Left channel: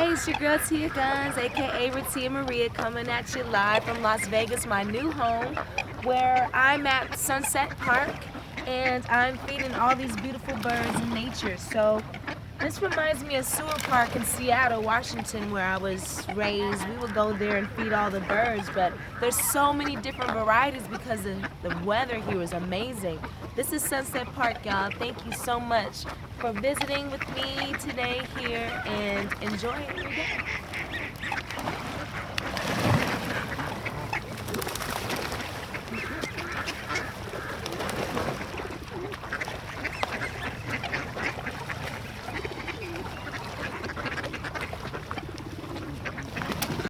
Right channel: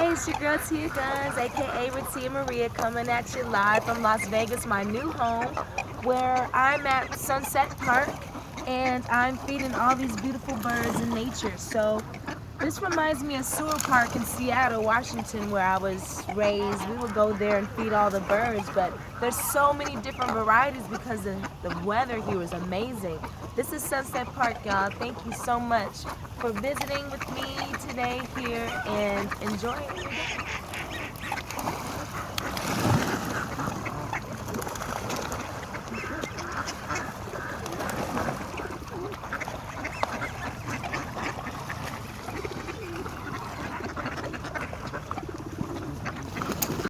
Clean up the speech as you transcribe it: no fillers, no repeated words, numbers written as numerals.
Hey, it's your girl Tia Gunz, aka Tia Maria, coming at you live from Las Vegas, my new home, where I'm at Sunset Park and I'm feeding all these beautiful birds in nature. So this reminds me of Sewer Park in Seattle, Washington, where I was raised. We would go there and feed all the birds, but there's so many different varieties because the weather here is amazing. This is Sunset Park, y'all. Thank you so much for visiting with me today here and enjoy your day.